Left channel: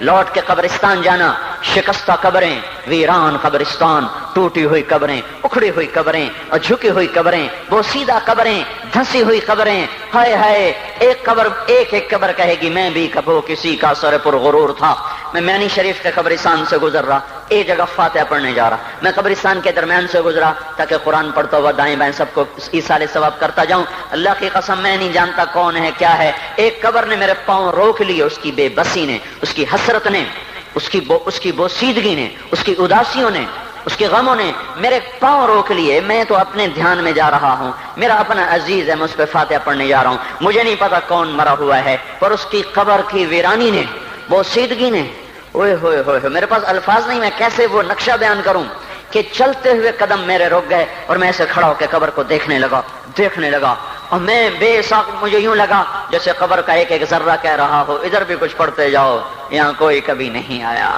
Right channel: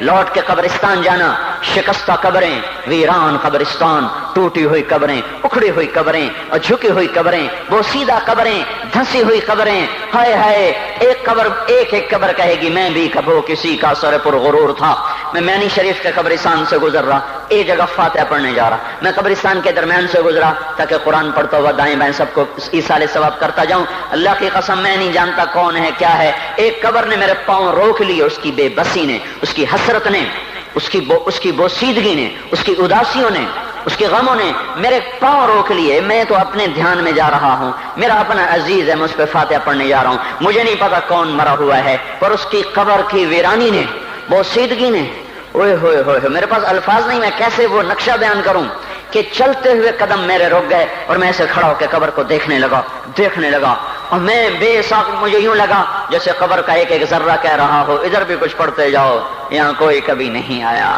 لوٹ کے قبرستان جانا، شکستہ قبریں، ویران قبرستان، ٹوٹی ہوئی قبریں، اکھڑی ہوئی قبریں اور جھکی ہوئی قبریں، بوسیدہ قبریں، دھسی ہوئی قبریں، ہائے ہائے، ایک قبر کہے گی میں بھی کبھی کسی کا سر پر غرور تھا۔ میں میانی شریف کے قبرستان سے گزر رہا، ایک جگہ فاتحہ پڑھنے جا رہا، میں قبرستان کے درمیان سے گزرا تاکہ قرآن پڑھتا ہوا دائیں بائیں سب کو ایصال ثواب کرتا جاؤں۔ اللہ کی قسم میں نہیں جانتا کون ہے کیا ہے، ایک قبر نے میرے پاؤں روک لیے، اس کی بے بسی نے، اس کی حسرت نے، اس کی بوسیدگی نے، اس کی اداسیوں نے، اس کے غموں نے میرے پاؤں روک لیے۔ میں تو اپنے دھیان میں جا رہا ہوں، میرا اپنا عزیز ہے، میں اس پہ فاتحہ پڑھنے جا رہا ہوں، مجھے نہیں پتا کون مرا ہوا ہے، پر اس کی قبر کی ویرانی نے، بوسیدگی نے، اوئے ہوئے ہوئے، میرے پاس الفاظ نہیں، میں کیسے وہ نقشہ بیان کروں کہ چلتے ہوئے قدم میرے رک گئے اور میں ایسے کھڑا ہو کے قبر کو دیکھنے لگا اور میں بے ساکھ، مجھے یوں لگا جیسے قبر کا ایک ذرہ کہہ رہا ہو ادھر بھی کچھ پڑھتے جاؤ، یہاں کوئی کبھی نہیں آیا۔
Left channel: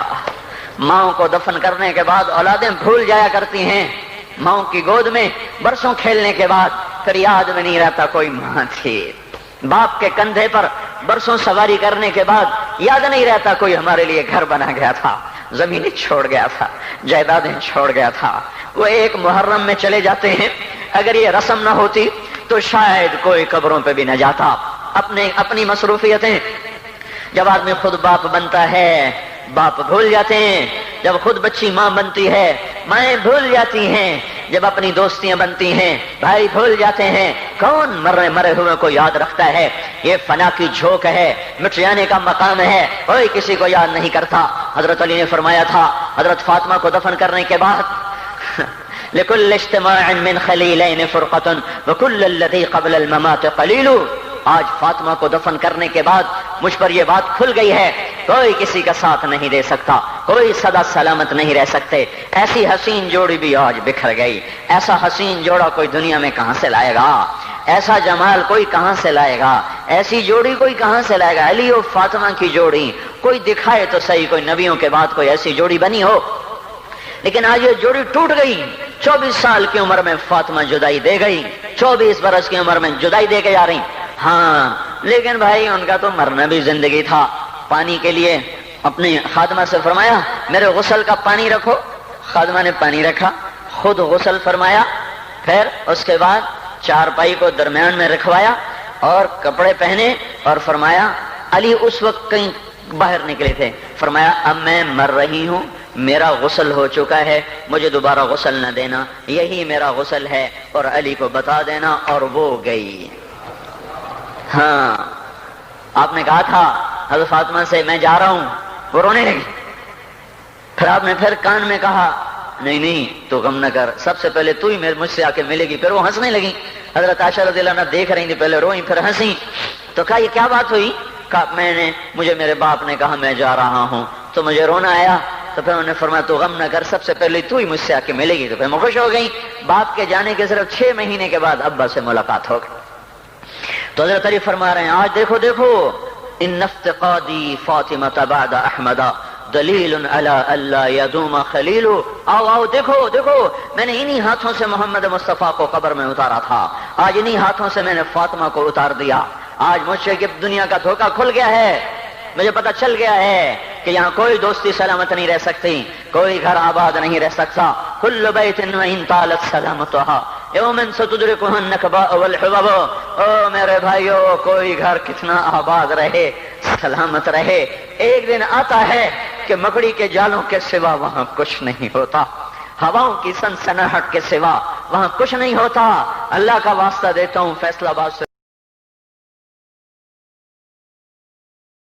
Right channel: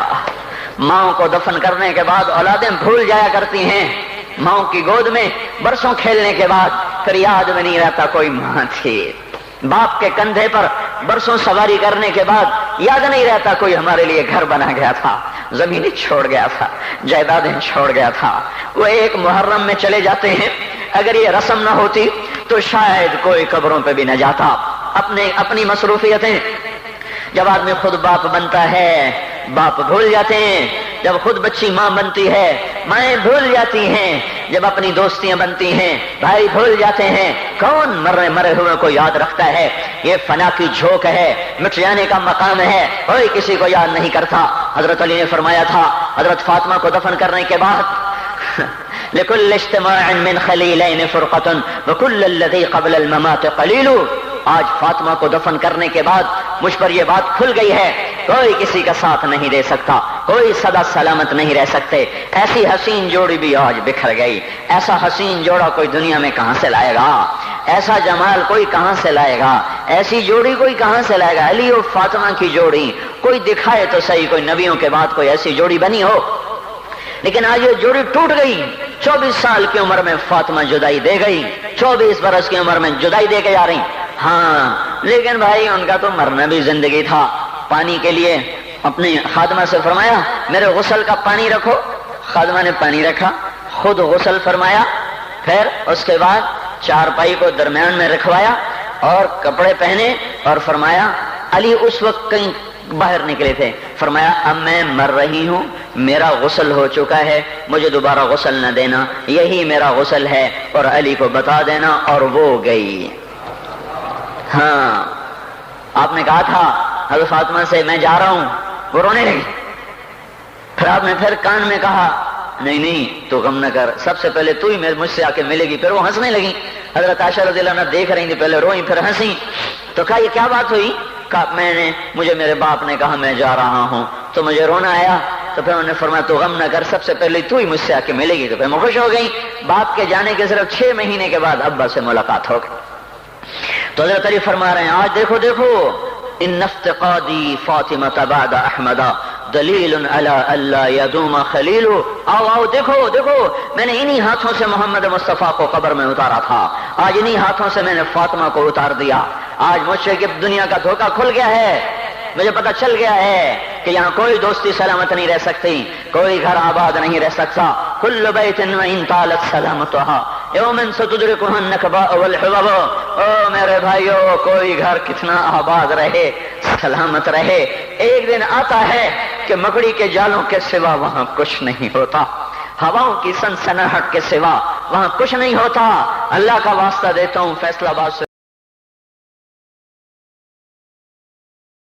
ماؤں کو دفن کرنے کے بعد اولادیں بھول جایا کرتی ہیں، ماؤں کی گود میں برسوں کھیلنے کے بعد پھر یاد میں نہیں رہتا کوئی ماں تھی، باپ کے کندھے پر برسوں سواری کرنے کے بعد یاد نہیں رہتا کوئی ہمارے لیے گھر بنا گیا تھا، زمینیں چھوڑ گیا تھا، جائیدادیں چھوڑ گیا تھا۔ وہ ایک محرم میں چلے جاتے ہیں، اگر یہ رسم نہ ہوتی تو شاید کوئی قبروں پہ بھی نہ جاتا۔ اپنی مصروفیتیں، جب آدمی خود باپ بنتا ہے باپ بھول جاتے ہیں، جب خود بچی ماں بنتی ہے مائیں بھول جاتی ہیں، جب اپنی دوستیاں بنتی ہیں بھائی بھول جاتے ہیں، کون مرے ہوئے کو یاد رکھتا ہے؟ یہ فنا کی جھوک ہے، مٹ جانے کا مقام ہے، کوئی کسی کو یاد نہیں کرتا۔ حضرت علی نے فرمایا تھا حضرت فاطمہ کو دفن کرنے کے بعد لكل اجتماع من خلیلین فرقۃ وكل الذی قبل الممات قلیل۔ آج فاطمہ کو دفن کرنے کے بعد مجھ پر یہ بات کھل گئی ہے، کوئی کسی کا ساتھ نہیں دے سکتا، کوئی سدا سلامت نہیں رہ سکتے۔ ایسی حسین جوڑی بھی آج بکھر گئی، ایسا حسین جوڑا کوئی دنیا میں کہاں سے لائے گا، ایسا جمال کوئی کہاں سے لائے گا، ایسی جوڑی کوئی کہاں سے لائے گا؟ علی اور فاطمہ کی جوڑی کوئی دکھائے تو صحیح، کوئی نبیوں کے بعد کوئی ایسی جوڑی بنی ہو، لیکن آج یہ جوڑی ٹوٹ گئی۔ 24 سال کی عمر میں فاطمہ جدائی دے گئی، 24 برس کی عمر میں جدائی دے کے جا رہی۔ ہاں لیکن بھائی ان کا تو مرنا بھی زندگی تھا۔ پانی کے لیے اپنی خادمہ سے فرمایا میرے غسل کا پانی رکھو، خادمہ نے پانی رکھا، خود غسل فرمایا، پھر اس کے بعد چارپائی کو درمیان میں رکھوایا اور کپڑے پہنے اور فرمایا، علی اس وقت کہیں باہر نکلے تھے، فرمایا اب میں مر رہی ہوں، میرا غسل ہو چکا ہے، مجھے دوبارہ غسل نہ دینا، یہی میرا غسل ہے اور علی کو بتا دینا، اور وہ گئی۔ ہاں آپ نے کہا تھا حضرت فاطمہ سے میں جا رہا ہوں، وہ رونے لگی، پھر آپ نے پھر کان میں کہا نہیں تو غم نہ کر، سب سے پہلے تو ہی مجھ سے آ کے ملے گی۔ پھر وہ ہنسنے لگی، حضرت عائشہ رضی اللہ عنہا دیکھ رہی تھی، پہلے روئی پھر ہنسی، تو کہا یہ کیا بات ہوئی؟ کہا مجھے میرے باپ نے کہا میں جا رہا ہوں تو مجھے رونا آیا، تو پھر انہوں نے فرمایا تو غم نہ کر، سب سے پہلے تو ہی مجھ سے آ کے ملے گی۔ تو پھر میں خوش ہو گئی، باپ کے جانے کے صرف 6 مہینے کے بعد ابا سے ملاقات ہو گئی۔ تو حضرت علی فرما رہے ہیں آج دیکھو ان افتقادی فاطمہ بعد احمد دلیل علی اللہ یدوم خلیل۔ آؤ دیکھو میں نے انہی ہاتھوں سے محمد مصطفیٰ کو قبر میں اتارا تھا، آج انہی ہاتھوں سے میں نے فاطمہ کو اتار دیا۔ آج مجھ سے دنیا کا دھوکہ کھل گیا ہے، مجھے پتہ چل گیا ہے کہ یہاں کوئی دوستی سلامت نہیں رہ سکتی، کوئی گھر آباد نہیں رہ سکتا۔ کل بیت وان طالت سلامتها یوم ستدرکہ النکباء والحباب۔ او میرے بھائیو، کوئی گھر کتنا آباد رہے، سلامت رہے، ایک دن آتا ہے کہ مکڑی کے جالوں کے سوا وہاں کچھ نہیں ہوتا، ہواؤں کی سنسناہٹ کے سوا وہاں کچھ نہیں ہوتا۔ اللہ کا واسطہ دیتا ہوں، فیصلہ آباد سے